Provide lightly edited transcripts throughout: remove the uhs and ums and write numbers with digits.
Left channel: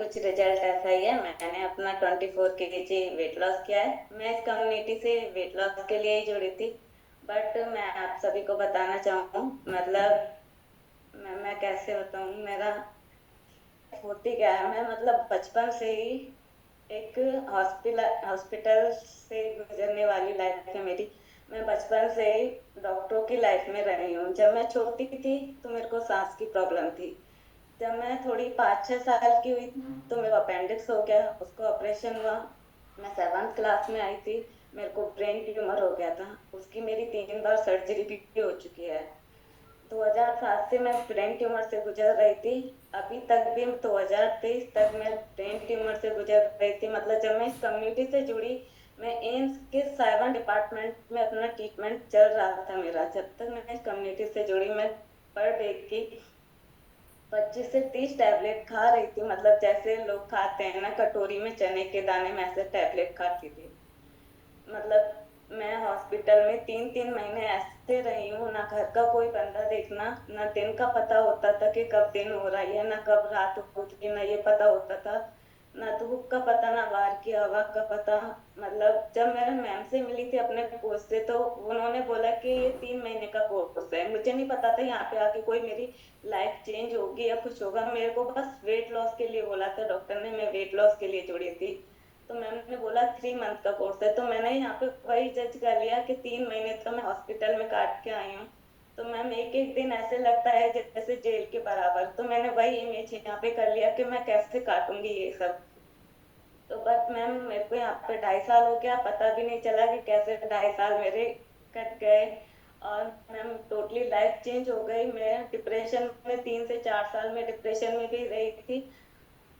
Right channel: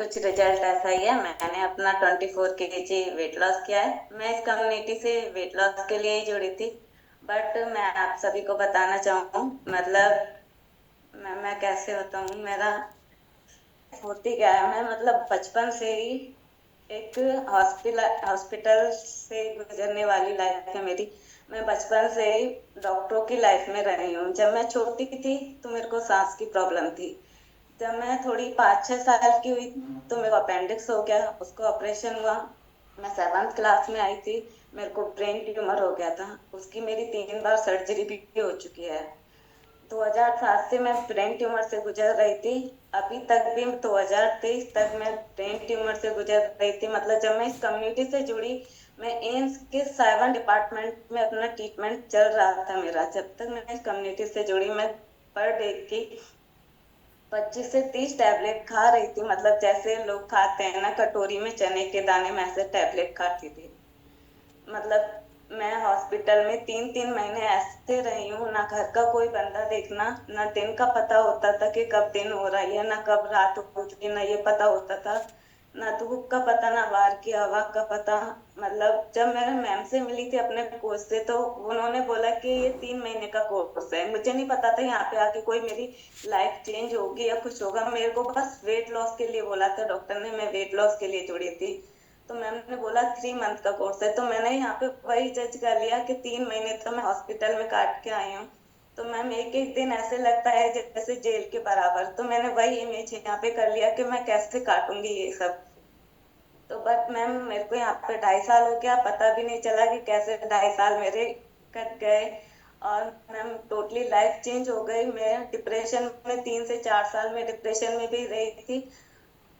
कुछ रिजल्ट ऐसा ही है। मैंने अपना 24 kg वेट लॉस किया है। मैं इस कम्युनिटी से वेट लॉस के लिए ही जुड़ी थी। बट मैं आप सभी को बताना चाहूँ, मतलब मैं कैसे बताऊँ, मेरा होती क्या है। मैं मतलब बचपन से ही एक हॉस्पिटल से गुजरने वाली लाइफ है मेरी। मैं बचपन से ही डॉक्टरों की लाइफ में रही हूँ। जब मैं छोटी थी तो मेरे को सांस की प्रॉब्लम थी। जब मैं थोड़ी 5-6 साल की हुई तो मेरा अपेंडिक्स हो गया, उसको ऑपरेशन हुआ। मैं 7th क्लास में आई थी, मेरे को ब्रेन ट्यूमर हो गया था। उसकी मेरी 3 बार सर्जरी भी हो चुकी है। 2007 से मैं ब्रेन ट्यूमर से गुजर रही थी। अभी तक भी 2023 तक मैं ब्रेन ट्यूमर से गुजर रही थी। मतलब जब मैं इस कम्युनिटी से जुड़ी, मैं एम्स के 7 डिपार्टमेंट में अपना ट्रीटमेंट चल रहा था मेरा। जब तक मैं इस कम्युनिटी से जुड़ी, मैं पर डे की 25 से 30 टैबलेट खा रही थी। मतलब जैसे लोग खाते हैं ना कटोरी में चने के दाने, में ऐसे टैबलेट खाती थी। मतलब मैं हॉस्पिटल में 3-3 महीने ऐसे रही हूँ, ना घर का कोई बंदा देखना, ना दिन का पता होता था कि कब दिन हो रहा है, ना कब रात होगी, ना ये पता होता था, ना धूप का पता, ना बाहर की हवा का पता। मतलब जब मैं मैम से मिली थी अपने कोच से, तो उन्होंने बोला कि ये 3 महीने का कोर्स है। मुझे नहीं पता था यहाँ पे आके कोई मेरी लाइफ चेंज होगी या कुछ होगा। मेरे को बस वेट लॉस के लिए बोला था डॉक्टर ने, मैं वेट लॉस के लिए जुड़ी थी। तो मैम ने बोला 3 मंथ का कोर्स है। तो मैंने यहाँ पे वही जज कर लिया कि 3 महीने तो मैं हॉस्पिटल में काट के आई हूँ। तो मैम एक एक दिन ऐसे लगता है जैसे जेल के बराबर। तो मैंने वही इमेज यहाँ पे कर लिया कि मैं कैसे काटूंगी ये सब। तो बट मैम मेरे को यहाँ पे 2.5 साल हो गया, पता भी नहीं चला कि कैसे 2.5 साल मेरे कट गए। और मैम टोटली लाइफ चेंज हो गई। मैं डिप्रेशन में 3 से 4 साल में डिप्रेशन में भी रही थी।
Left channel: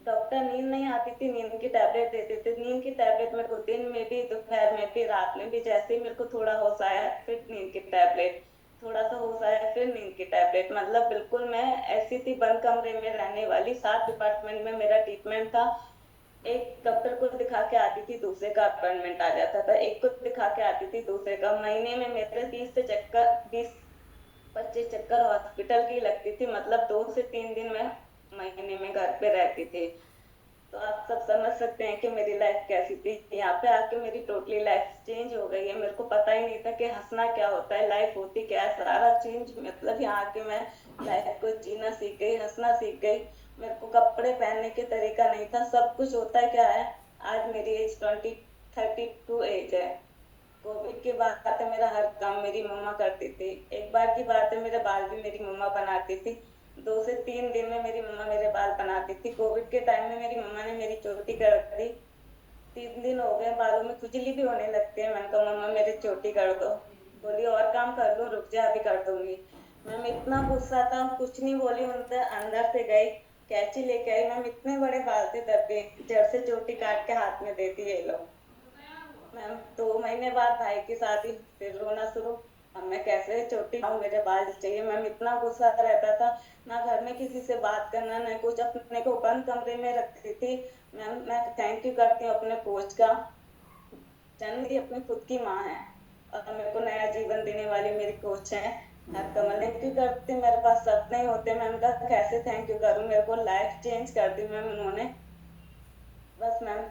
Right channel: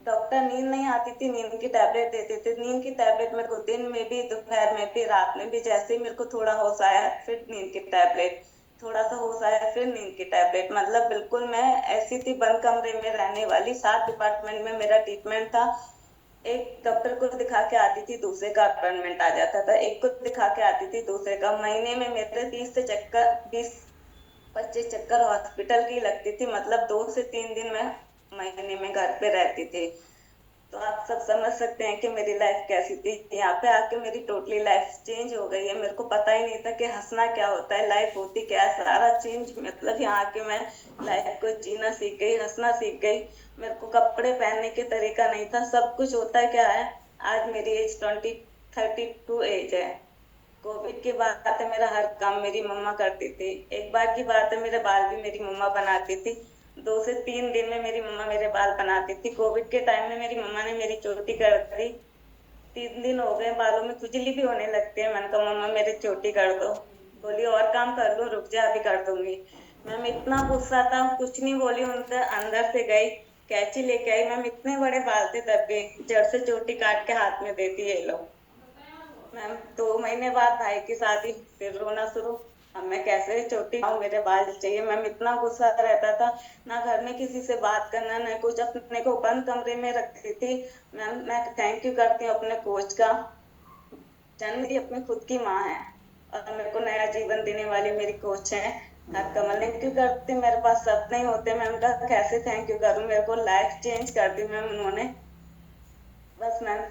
डॉक्टर नींद नहीं आती थी, नींद की टैबलेट देते थे। नींद की टैबलेट मेरे को दिन में भी, दोपहर में भी, रात में भी। जैसे ही मेरे को थोड़ा होश आया फिर नींद की टैबलेट, थोड़ा सा होश आया फिर नींद की टैबलेट। मतलब बिल्कुल मैं ऐसी थी बंद कमरे में रहने वाली। 7 डिपार्टमेंट में मेरा ट्रीटमेंट था। एक डॉक्टर को दिखा के आती थी, दूसरे का अपॉइंटमेंट आ जाता था। एक को दिखा के आती थी, दूसरे का। महीने में मेरे 20 से 25 चक्कर हॉस्पिटल की लगती थी। मतलब 2 से 3 दिन मैं महीने में घर पे रहती थी। तो आप सब समझ सकते हैं कि मेरी लाइफ कैसी थी। यहाँ पे आके मेरी टोटली लाइफ चेंज हो गई है। मेरे को पता ही नहीं था कि हंसना क्या होता है, लाइफ होती क्या है, सारा चेंज। मतलब यहाँ आके मैं लाइफ को जीना सीख गई, हंसना सीख गई। मेरे को कपड़े पहनने के तरीका नहीं था। सब कुछ होता क्या है, आज मेरी एज 32 एज है। कोविड की बात है, मेरा हर काम मेरी मम्मा करती थी। एक बार की बात है, मेरे बाल भी मेरी मम्मा बनाती थी। 2 से 3 दिन में मेरी मम्मा मेरे बाल बनाती थी। कोविड के टाइम में मेरी मम्मा ने मेरी चोटी कर दी। 3 दिन हो गए, बालों में खुजली भी होने लगती है। मैंने कहा मम्मा मेरी चोटी कर दो। बोली और काम कर लो, रुक जा अभी कर दूंगी। मैम इतना गुस्सा था, कुछ नहीं बोली। उनके अंदर से गई, कैंची लेके आई। मैम इतने बड़े बाल थे तब भी, जड़ से चोटी काट के हाथ में देती है लो। मैम 2 महीने बाद भाई की शादी, फिर रोना शुरू। अब मैं कैसे चोटी खाऊं, मेरे बाल चाहिए। मैम इतना गुस्सा रहता था, ना घर में किसी से बात करना, ना कुछ। अपने को बंद कमरे में रखती थी। मैम मैं थैंक यू करती हूँ अपने कोच का। जन्म मेरी अपनी खुद की माँ है, और मेरे को नया जीवन देने वाली मेरी कोच है। हर कमल थैंक यू करती। मेरे पास सब नहीं होते मैम का, कैसे थैंक यू करूँ। मेरे को लाइफ चेंज कर दी मैम उन्होंने। बस मैम